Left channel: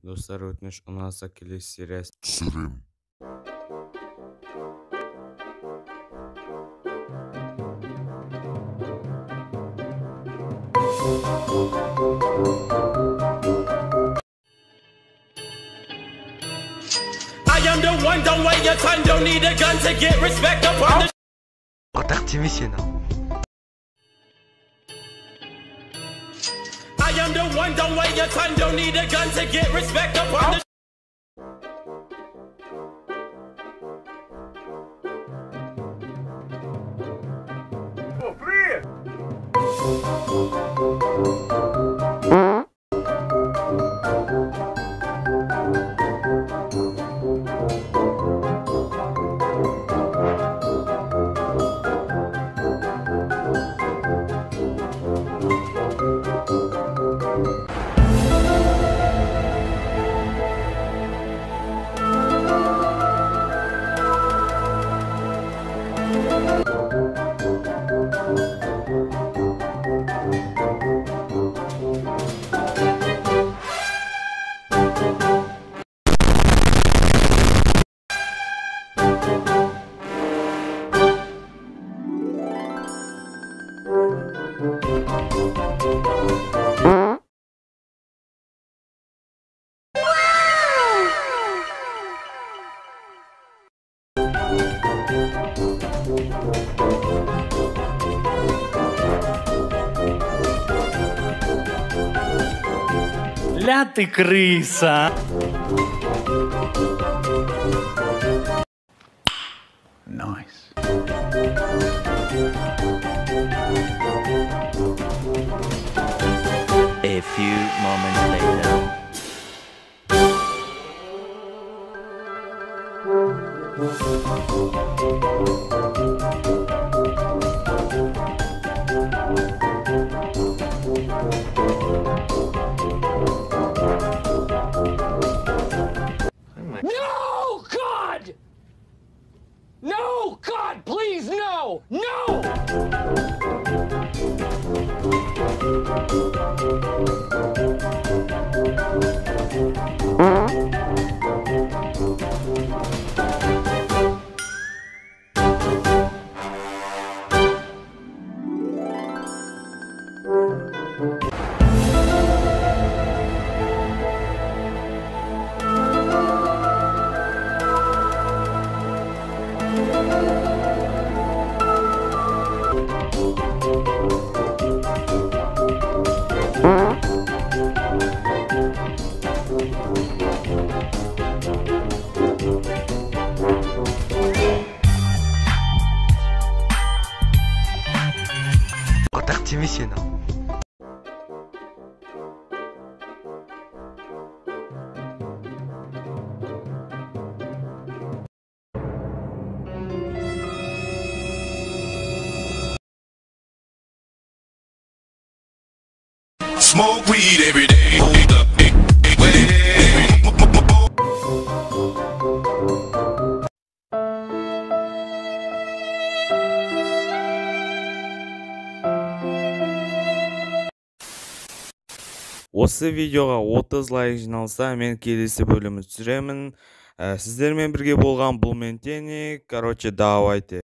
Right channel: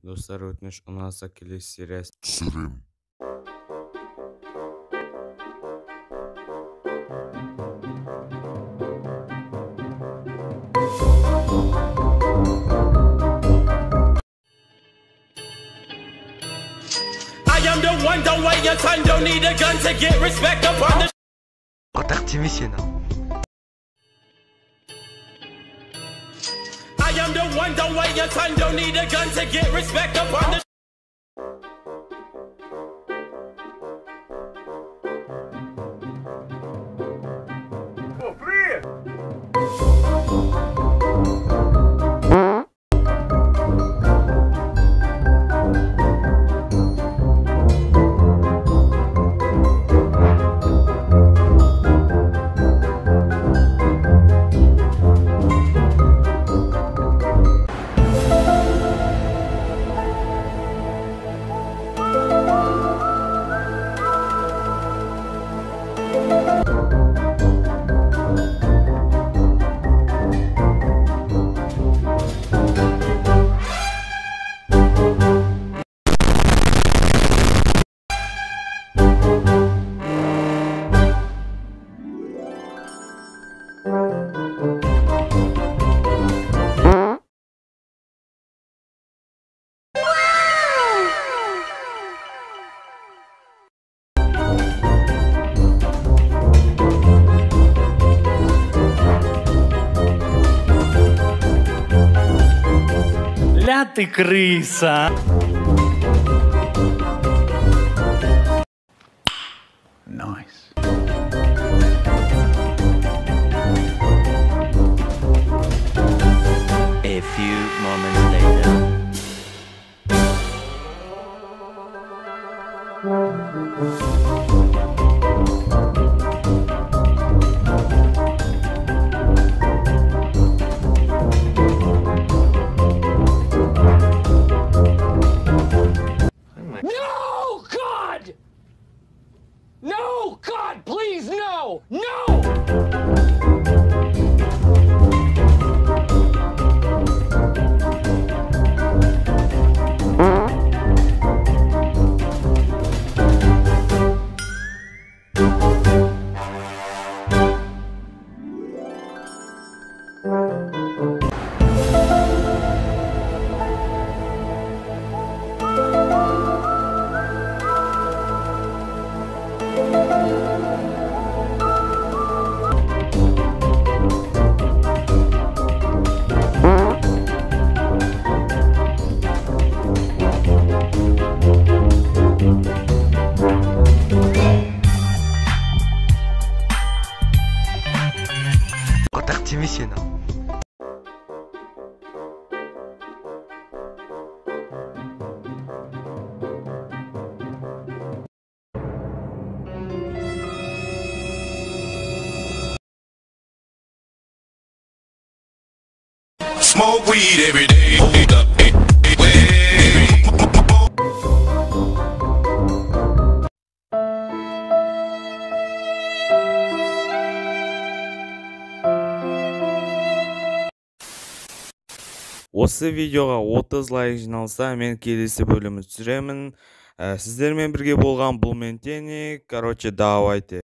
Достар, өтініш ұнаса келесі сериясын түсірем. I am the one, don't wait your time, don't need a gun to get respect upon the Атақ тиме сені. I am the one, don't wait your time, don't need a gun to get respect upon the Ля ты крыса. Nice. A few moments later. No, God! No, God, please, no! No! Атақ тиме сені. Smoke weed every day. Осы видеоға 30 лайк жиналса, мен келесі бөлімді түсіремін. Сіздермен бірге болған бұл мен Тени. Короче, давайте.